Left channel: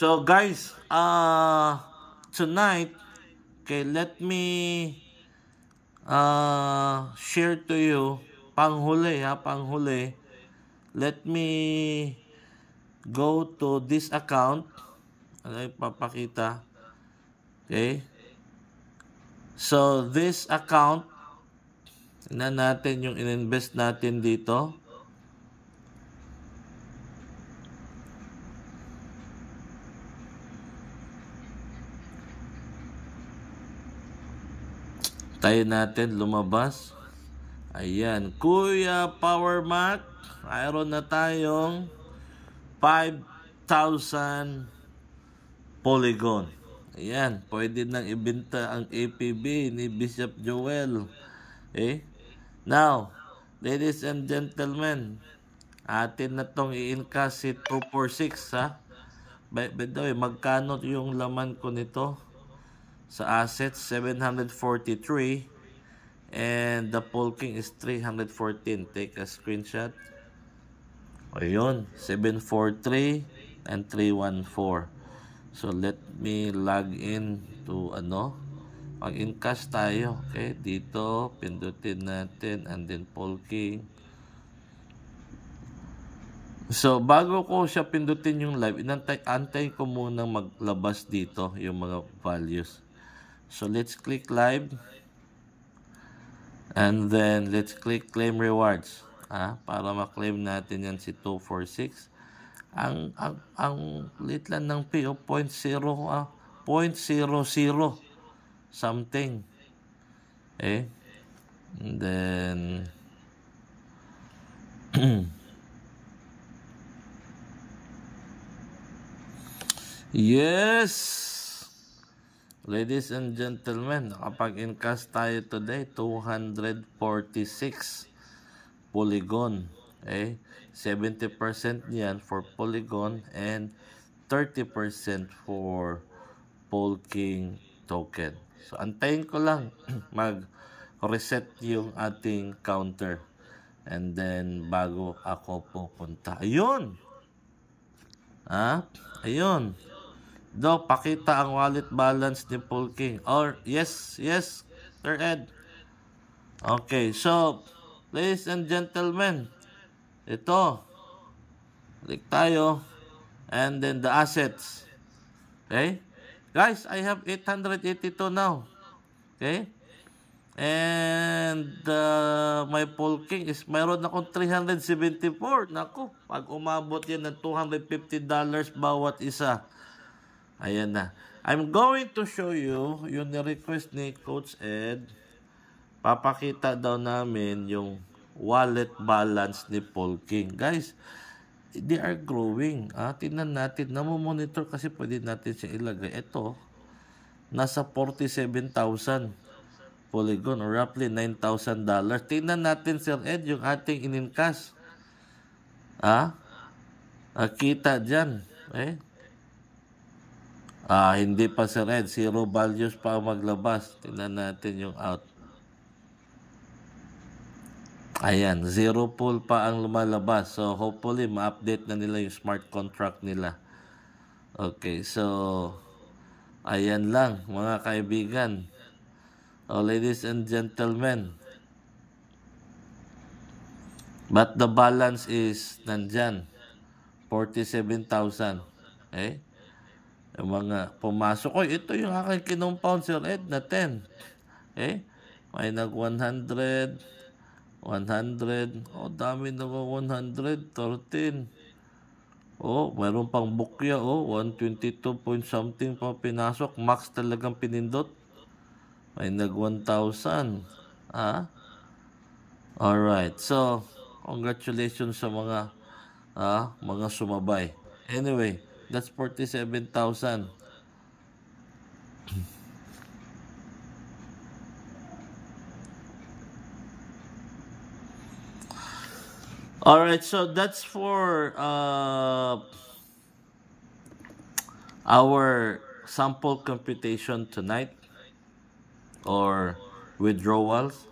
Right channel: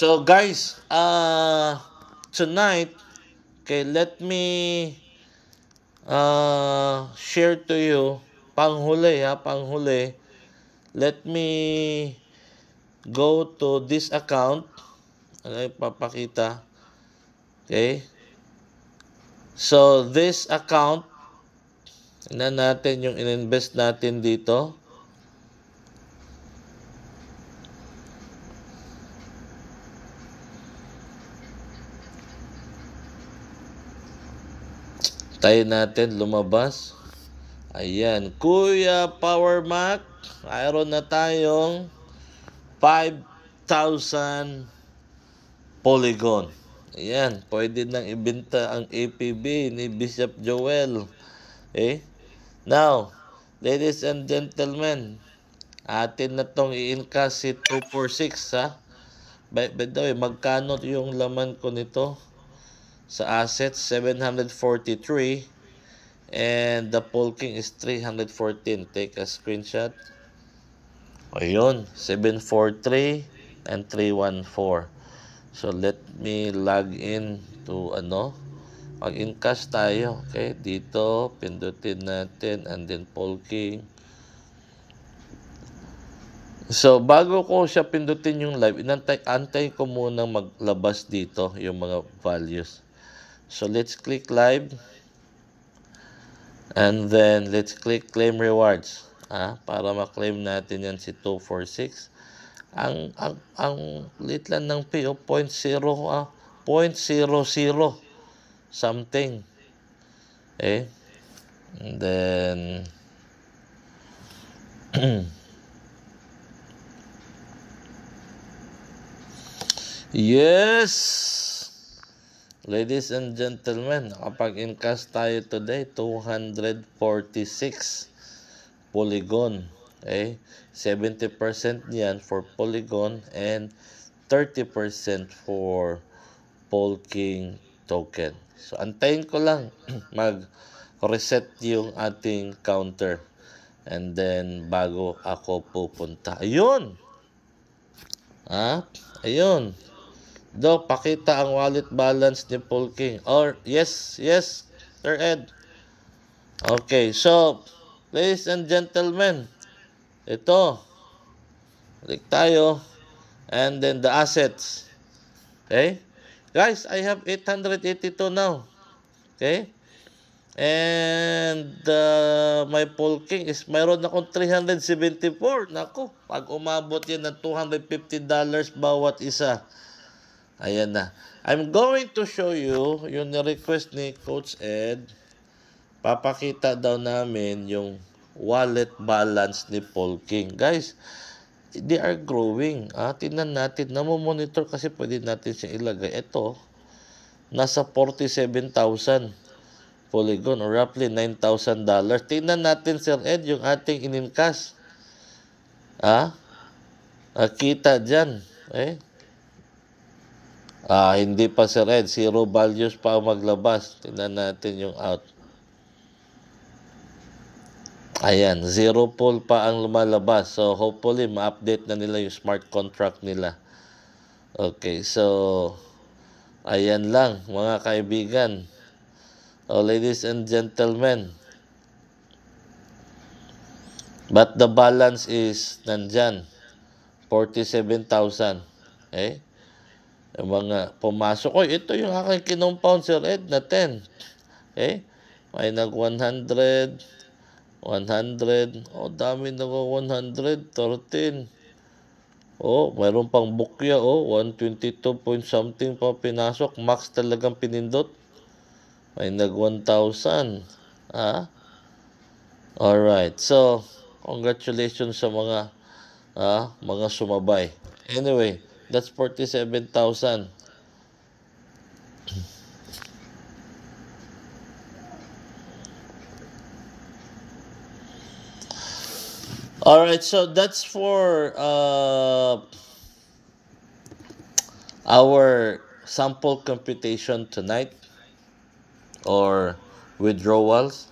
So guys, tonight, okay, let me share to you panghuli. Let me go to this account. Ano papakita? Okay? So this account, tingnan natin yung ininvest natin dito. Tayo natin lumabas. Ayan, Kuya Power Mac, mayroon na tayong 5,000 Polygon. Ayan, pwede nang ibenta ang APB ni Bishop Joel. Now, ladies and gentlemen, atin na tong i-encash si 246 ha. By the way, magkano yung laman ko nito? Sa assets, 743. And the polking is 314. Take a screenshot. Ayun, 743 and 314. So let me log in to mag-encash tayo. Okay, dito pindutin natin and then polking. So bago ko siya pindutin yung live, antay ko muna maglabas dito yung mga values. So let's click live. And then let's click claim rewards. Para ma-claim natin yan si 246. Ang lit lang ng P, 0.00 something. And then yes, ladies and gentlemen, nakapag-encash tayo today, 246 Polygon. 70% niyan for Polygon and 30% for Polking token. So antayin ko lang mag-reset yung ating counter. And then bago ako pupunta. Ayun! Ayun. Pakita ang wallet balance ni Polking. Or yes, Sir Ed. Okay, so ladies and gentlemen, ito, click tayo, and then the assets. Guys, I have 882 now. And my Polking is mayroon akong 374. Naku, pag umabot yan ng $250 bawat isa. Ayan na. I'm going to show you yung request ni Coach Ed. Papakita daw namin yung wallet balance ni Polking. Guys, they are growing. Tingnan natin. Namomonitor kasi pwede natin siya ilagay. Ito, nasa 47,000 Polygon or roughly $9,000. Tingnan natin, Sir Ed, yung ating in-encash. Kita dyan. Hindi pa, Sir Ed. Zero values pa ang maglabas. Tingnan natin yung out. Ayan, zero pool pa ang lumalabas. So, hopefully, ma-update na nila yung smart contract nila. Okay, so, ayan lang, mga kaibigan. Ladies and gentlemen. But the balance is nandyan. 47,000. Yung mga pumasok. Ito yung aking kinompound, Sir Ed, na 10. May nag 100. 100. Dami nag 113. Mayroon pang bukya. 122 point something pa pinasok. Max talagang pinindot. May nag 1,000. Alright. So, congratulations sa mga sumabay. Anyway, that's 47,000. Alright, so that's for our sample computation tonight or withdrawals.